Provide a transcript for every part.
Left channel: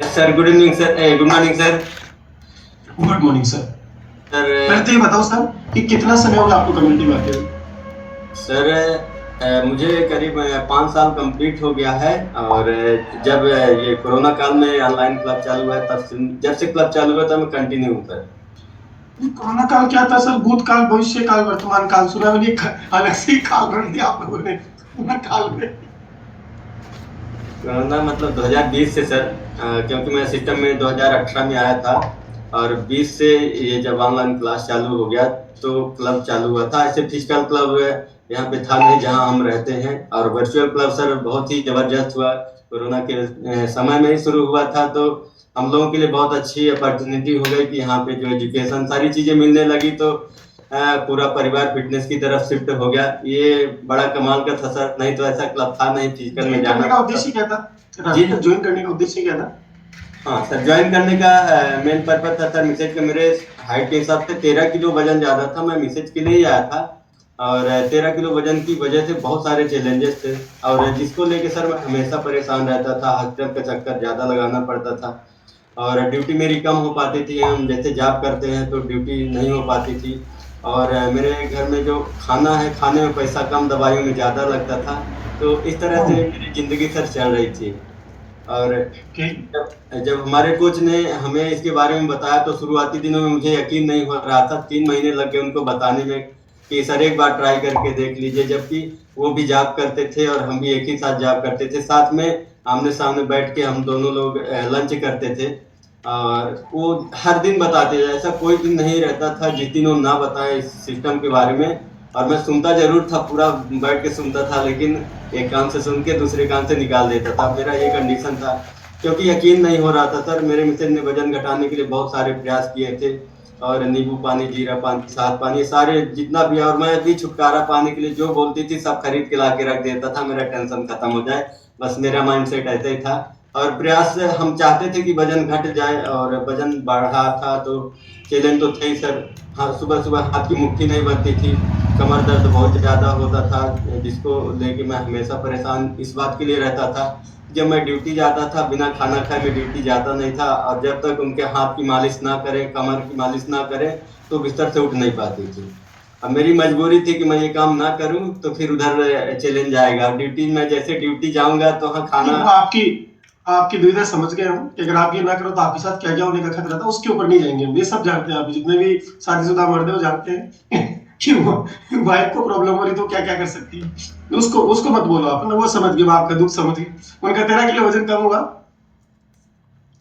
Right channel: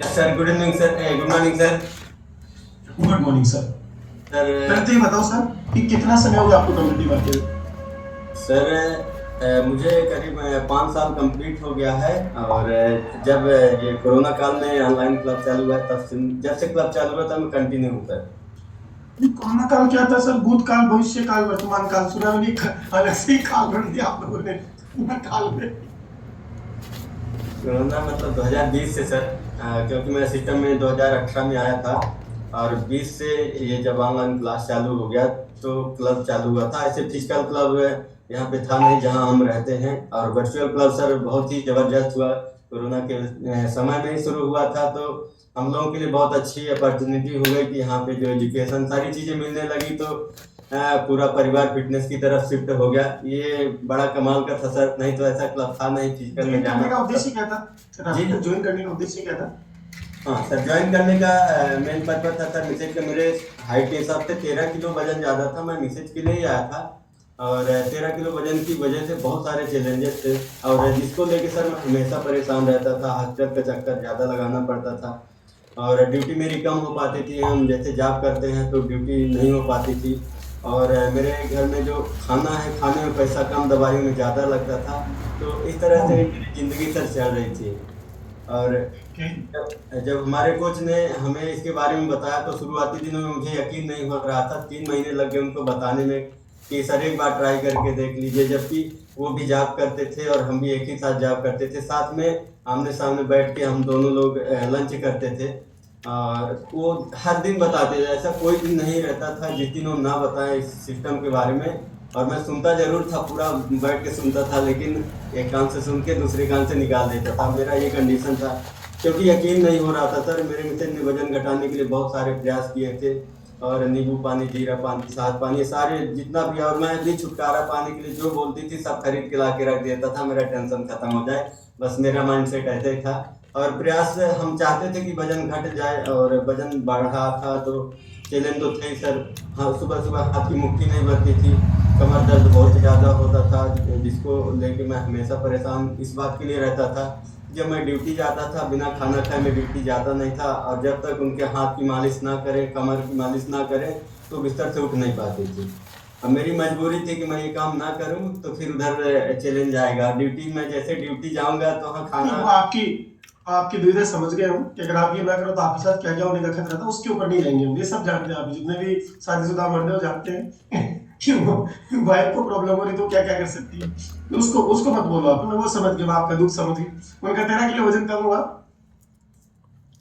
Sir good evening sir, good morning sir. Good morning sir. Sir पहले तो ये बताओ सर कि कितना समय हो गया आपको कम्युनिटी में आते हुए। सर मुझे करीब 5 साल कंप्लीट हो गया है। और जब ये कोरोना काल में ऑनलाइन क्लब चालू हुआ है, जब से क्लब चालू हुआ तब मैं कंटिन्यू हूँ सर। कोरोना काल क्या था सर? भूतकाल, भविष्य काल, वर्तमान काल, सुना मैंने एक अलग से ही काल बन दिया आप लोगों ने कोरोना काल में। कोरोना मतलब 2020 से सर, क्योंकि मैं सिस्टम में 2018 में आया था। और 20 से ये जब ऑनलाइन क्लास चालू हो गया तो क्लब चालू हुआ था। ऐसे फिजिकल क्लब यहाँ पे था नहीं जहाँ हम रहते हैं। और वर्चुअल क्लब सर बहुत ही जबरदस्त हुआ। कोरोना के समय में ही शुरू हुआ था, तो हम लोगों के लिए बहुत अच्छी अपॉर्चुनिटी हो गई कि यहाँ पे जो एजुकेशन सारी चीजें मिलने लगी, तो पूरा परिवार फिटनेस की तरफ शिफ्ट हो गया। ये बड़ा कमाल का था सर, नहीं तो ऐसा क्लब था नहीं, फिजिकल में ज्वाइन जाना करने का पड़ता। उद्देश्य क्या था सर? जी। आपका ज्वाइन करने का उद्देश्य क्या था? हाँ सर, ज्वाइन करने का मेन पर्पज था सर, मिसेज का मेरे हाइट के हिसाब से 13 किलो वजन ज्यादा था, मैं मिसेज के लिए ही आया था। और 13 किलो वजन की वजह से बहुत सारे चैलेंजेस थे। और जिसको लेके सर मैं हमेशा परेशान रहता था, हॉस्पिटल के चक्कर ज्यादा लगाना पड़ता था। और ड्यूटी मेरी कम हो पाती थी, हम जैसे जॉब करते हैं तो ड्यूटी नहीं हो पाती थी। और मेरे घर में जो खाना है, खाने में पैसा कम, दवाइयों में ज़्यादा लगता था। तो इस तरह से मेरी ज़िंदगी सर चल रही थी। और ओके। जब जब हमारे कोच ने हमें इसके बारे में बताया तो शुरुआती दिनों में मुझे यकीन नहीं हो रहा था, 3 महीने लग गए उनको बताने में कि सर एक बार ट्राई करके देख लीजिए। जबकि वो भी जॉब करते थे और हम भी एक ही साथ जॉब करते थे, साथ में आमने सामने बैठ के हम दोनों लोग लंच करते थे। और वो हर दिन बताते थे, ऐसा कोई दिन नहीं रहता था जिस दिन वो ना बताएं इस सिस्टम के बारे में। और मैं सुनता जरूर था, पूरा बैठ के सुनता था, लेकिन एक कान से सुन के दूसरे कान से निकाल देता था, मेरा ये कंडीशन था। क्योंकि यकीन नहीं हो रहा था सर, मेरे मिसेज ने वजन घटाने के लिए बहुत सारे प्रयास किए थे। और नींबू पानी, जीरा पानी, साथ पानी, सारे जितना भी, और मैं भी छुटकारा पाने के लिए जो बोलती थी सब खरीद के ला के रख देता था, मेरा टेंशन खत्म हो जाए। बस मेरा माइंडसेट ऐसे ही था। और प्रयास हम चाहते थे कि वजन घट जाए, और वजन बढ़ रहा था तो चैलेंज तो थे ही सर। हाँ, सुबह सुबह हाथ की मुट्ठी नहीं भरती थी, कमर दर्द बहुत ज्यादा होता था, जिसको लेके मैं हमेशा परेशान इस बात के लिए रहता था। जब मैं ड्यूटी जाता था, बिना खाना खाए मैं ड्यूटी जाता नहीं था, और जब तक उनके हाथ की मालिश ना करें, कमर की मालिश ना करें, तो बिस्तर से उठ नहीं पाती थी। अब मेरी मजबूरी थी कि मैं ये काम ना करूं तो फिर उधर चैलेंज आएगा। ड्यूटी में जैसे ड्यूटी जाऊंगा तो हाँ नहीं, खाना। वो आपकी आपकी दुविधा समझ गए हम कि अगर आप ये ना करो तो आपके साथ क्या क्या होने का खतरा था, उसके ऊपर नहीं जाएंगे हम। ये सब जानते हैं, आप जितने भी शादीशुदा मर्द हैं वो जानते हैं कि वो वाइफ को प्रॉब्लम हो रही तो क्या क्या कर सकती है। तो उसको उसको मत बोलो आप ना, वो समझ गए, वो आपका दुख समझ गए। उनका 13 किलो वजन कम हुआ।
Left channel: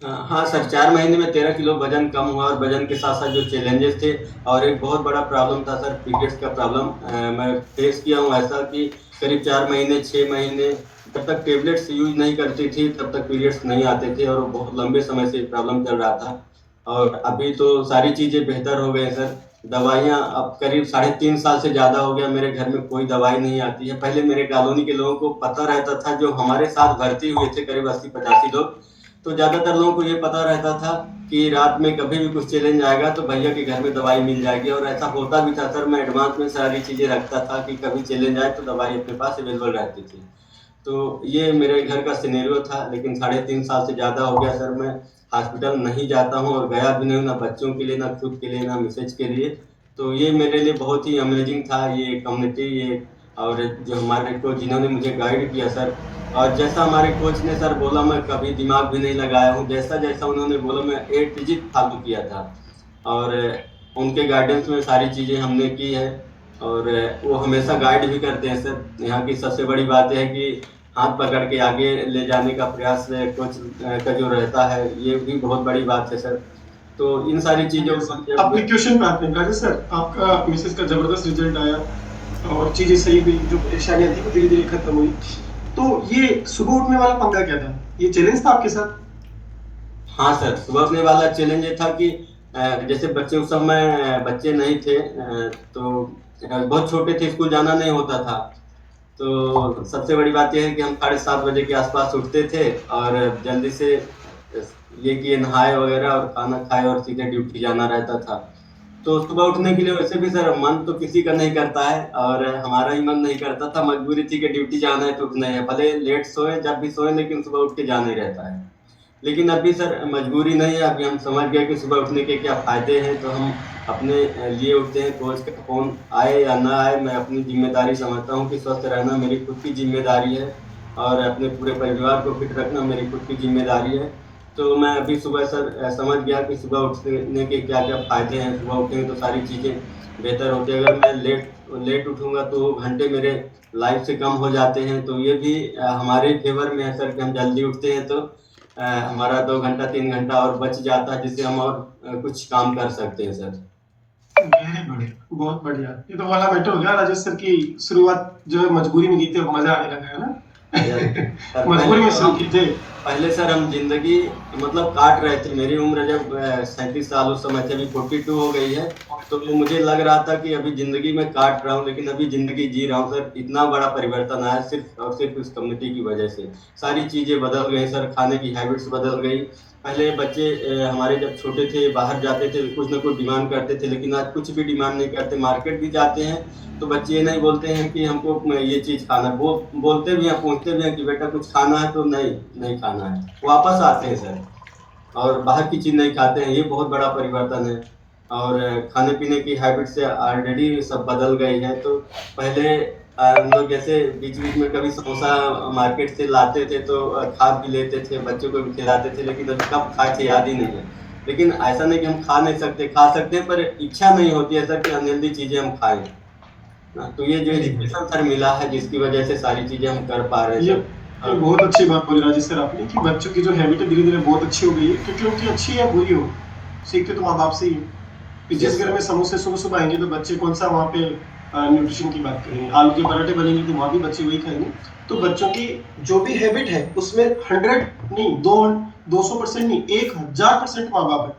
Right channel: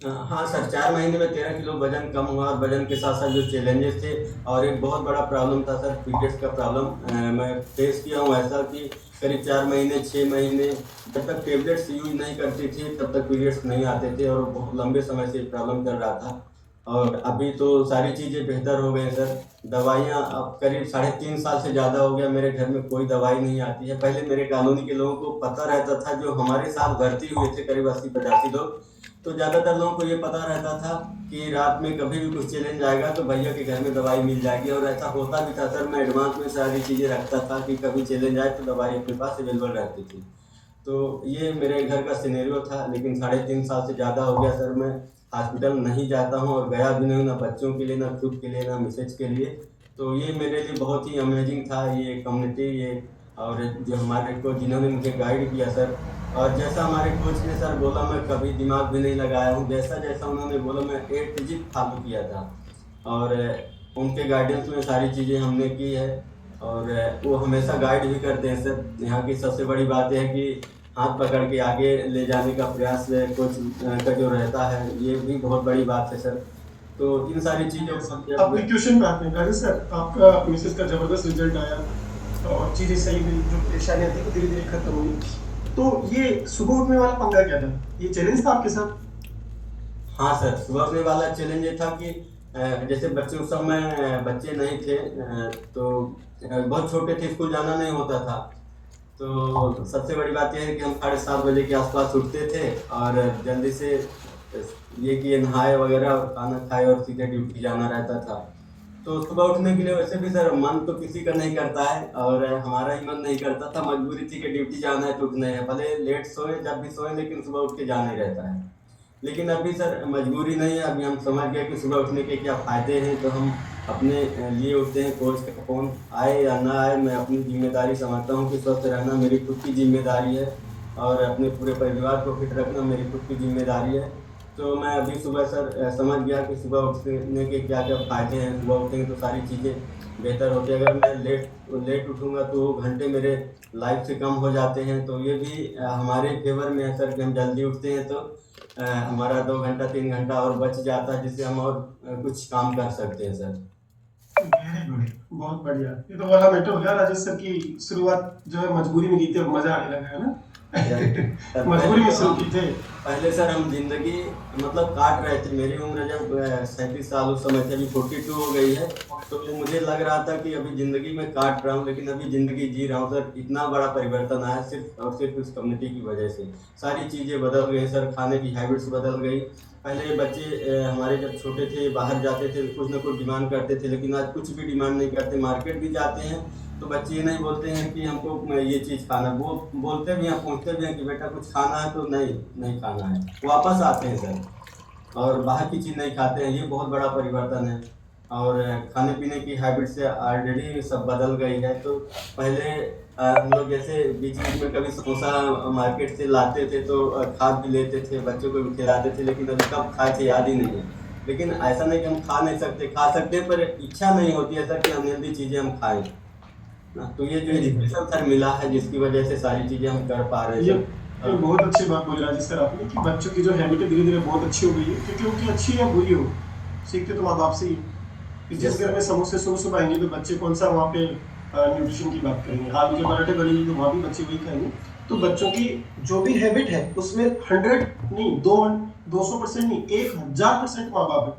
हाँ सर, 4 महीने में 13 किलो वजन कम हुआ, और वजन के साथ साथ जो चैलेंजेस थे, और एक बहुत बड़ा प्रॉब्लम था सर, पीरियड्स का प्रॉब्लम। मैं फेस किया हूँ ऐसा कि करीब 4 महीने 6 महीने जब तक टेबलेट्स यूज नहीं करती थी तब तक पीरियड्स नहीं आते थे, और बहुत लंबे समय से प्रॉब्लम चल रहा था। और अभी तो सारी चीज़ें बेहतर हो गई सर। दवाइयाँ अब करीब 3.5 साल से ज़्यादा हो गया, मेरे घर में कोई दवाई नहीं आती है। पहले मेरे कॉलोनी के लोगों को पता रहता था, जो हमारे साथ भर्ती हुए थे करीब 80-85 लोग, तो ज्यादातर लोगों को ये पता रहता था कि रात में कभी भी कुछ चैलेंज आएगा तो भैया के घर में दवाई मिल जाएगी। और ऐसा होता भी था सर, मैं एडवांस में सारी चीजें रखता था कि कभी चैलेंज आए तो दवाई अपने पास अवेलेबल रहती थी। तो ये मेरे घर का सिनेरियो था, लेकिन 3.5 साल से ज्यादा हो गया सर, मैं हॉस्पिटल नहीं जाता हूँ और गया भी नहीं हूँ, ना बच्चों के लिए, ना खुद के लिए, ना मिसेज के लिए। तो ये मेरे लिए बहुत ही अमेजिंग था, ये कम्युनिटी, ये और जो हमारे कोच जिन्होंने मुझे गाइड किया सर। और जैसा हमारे कोच ने सर बोला, मैं कभी दिमाग भी नहीं लगाया हूँ, जैसा जैसा उन्होंने बोला मैं ए टू जेड फॉलो किया था। और उनके गाइडेंस में सारी चीज़ें हमने की है। और वो हमेशा गाइड भी करते हैं सर। यहाँ की सबसे बड़ी बात है कि हाथ पकड़ के आगे ले जाने का प्रयास कोच का जो रहता है, ये भी बहुत बड़ी बात है सर। तो इन सारी चीज़ों बढ़िया को सर। जब। अपने क्वेश्चन पे आते हैं राजेश सर। आपका मिसेस का जबरदस्त रिजल्ट आया और चीजें सही हुई, जो परेशानियां थी वो धीरे धीरे खत्म हुई। तो ये सुबह उठने वाला पंगा क्या था? ये चैलेंज था आपके साथ? हाँ सर, सुबह उठने वाला चैलेंज ये था कि जैसे बच्चे उस समय बच्चे नहीं थे, तो बहुत छोटे थे, स्कूल जाना नहीं होता था। तो सबसे बड़ी बात यह है कि हम 7:30 बजे के आसपास उठते थे, और जल्दी से ये कि नहाए वगैरह और खाना खाए और सीधे ड्यूटी जाना रहता था। तो सुबह उठने के लिए वैसे भी सर मन तो किसी का नहीं करता है, और हमारा ही मन नहीं करता था, मजबूरी थी कि ड्यूटी जाना है तो उठना है, भले लेट सोए जब भी सोए, लेकिन सुबह उठ के जाना ही रहता है। लेकिन अभी सर मजबूरी नहीं है, अभी हम समझ गए कि सुबह उठने के क्या फ़ायदे हैं, तो हम अपने लिए उठते हैं। कोच का फ़ोन आए या ना आए, मैं अपनी ज़िम्मेदारी समझता हूँ कि स्वस्थ रहना मेरी खुद की ज़िम्मेदारी है और अपने पूरे परिवार को फिट रखना मेरी खुद की ज़िम्मेदारी है। तो मैं अभी सुबह सर समझ गया कि सुबह उठने के क्या-क्या फ़ायदे हैं। सुबह उठेंगे तो सारी चीज़ें बेहतर होती है। अगर मैं लेट लेट उठूँगा तो घंटे मेरे लाइफ़ से कम हो जाते हैं, तो ये भी हमारे फ़ेवर में है सर कि हम जल्दी उठते हैं तो हमारा 2 घंटा 3 घंटा और बच जाता है, जिससे हम और कुछ काम कर सकते हैं सर। वेरी गुड, बहुत बढ़िया। ये तो वाला बेटर हो गया राजेश सर की शुरुआत जो है मजबूरी में की थी, अब मजा आने लगा है यस ना। सर, मजबूरी में शुरू की थे। पहले सर हम ज़िंदगी मतलब काट रहे थे। मेरी उम्र जब 37 साल उस समय थी, अभी 42 हो गई है, तो मुझे लग रहा था कि अभी ज़िंदगी मैं काट रहा हूँ, लेकिन अभी ज़िंदगी जी रहा हूँ सर। इतना बड़ा परिवर्तन आया सिर्फ़ और सिर्फ़ इस कम्युनिटी की वजह से। सारी चीज़ें बदल गई सर, खाने की हैबिट्स बदल गई। पहले बच्चे हमारे जब छोटे थे, बाहर जाते थे, कुछ ना कुछ डिमांड करते थे, लेकिन आज कुछ भी डिमांड नहीं करते। मार्केट भी जाते हैं, तो बच्चे ये नहीं बोलते हैं कि हमको ये चीज़ खाना है। वो बोलते भी हैं, पूछते भी हैं कि बेटा कुछ खाना है, तो नहीं, नहीं खाना है। वापस आते हैं सर और बाहर की चीज़ नहीं खाते हैं, ये बहुत बड़ा परिवर्तन है। और खाने-पीने की हैबिट से ऑलरेडी सब बदल गई है। तो पहले हम लोग जैसे बीच-बीच में कभी समोसा मार्केट से लाते थे, तो खा भी लेते थे, बच्चों को भी खिलाते थे, लेकिन अभी कब खाए थे याद ही नहीं है। लेकिन ऐसा नहीं कि हम खा नहीं सकते, खा सकते हैं, पर इच्छा नहीं होती है सर कि अनहेल्दी चीज़ें हम खाएँ। हाँ, तो ये जो वेरी गुड। एजुकेशन सर मिला है, जिसकी वजह से सारी चीज़ें हम कर पा रहे हैं ये सर। ये बहुत अच्छी बात बोली राजेश सर आपने कि बच्चों की जो हैबिट है धीरे-धीरे बहुत अच्छी हो गई है, क्योंकि उनकी अच्छी या बुरी हो, सीखते तो माँ-बाप से ही है। कि जिस यस घर सर। में समोसे सुबह-सुबह आएँगे तो बच्चे कौन-सा वहाँ पे न्यूट्रिशन की बात करेंगे। आलू के पराठे बनेंगे तो वहाँ भी बच्चे वही खाएँगे। तो बच्चों की जो भी हैबिट है उसमें 100 नहीं, 200% नहीं, 1000% माँ-बाप है।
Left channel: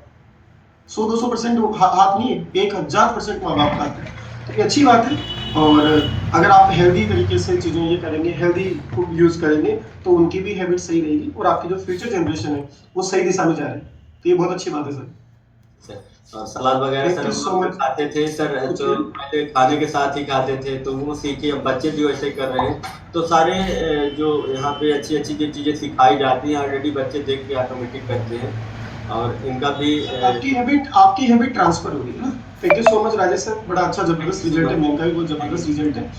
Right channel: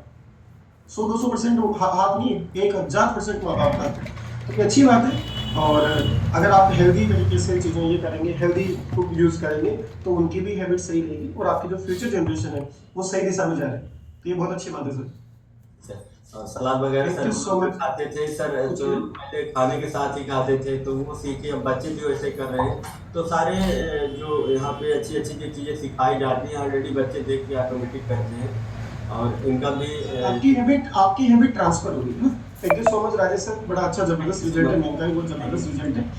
100-200% हाथ नहीं है, 1000% माँ-बाप का हाथ है। तो ये अच्छी बात है। और अगर आप हेल्दी तरीके से चीज़ें ये करेंगे, हेल्दी फूड यूज़ करेंगे, तो उनकी भी हैबिट सही रहेगी और आपकी जो फ्यूचर जनरेशन है, वो सही दिशा में जा रही है। तो ये बहुत अच्छी बात है सर। सर और सलाद वगैरह थैंक सर यू हम सो लोग जो मच। खाते थे सर, तो पूछिए। पहले खाने के साथ ही खाते थे, तो वो सीखे। अब बच्चे भी वैसे कर रहे हैं। तो सारे जो यहाँ पे अच्छी-अच्छी जो चीज़ें सिखाई जाती हैं, ऑलरेडी बच्चे देख के ऑटोमेटिक करते हैं और इनका भी आपकी हैबिट ट्रांसफर हो रही है ना। Thank you so much Rajesh sir, बड़ा अच्छा जबरदस्त रिजल्ट है, मेनका भी बहुत जबरदस्त रिजल्ट है।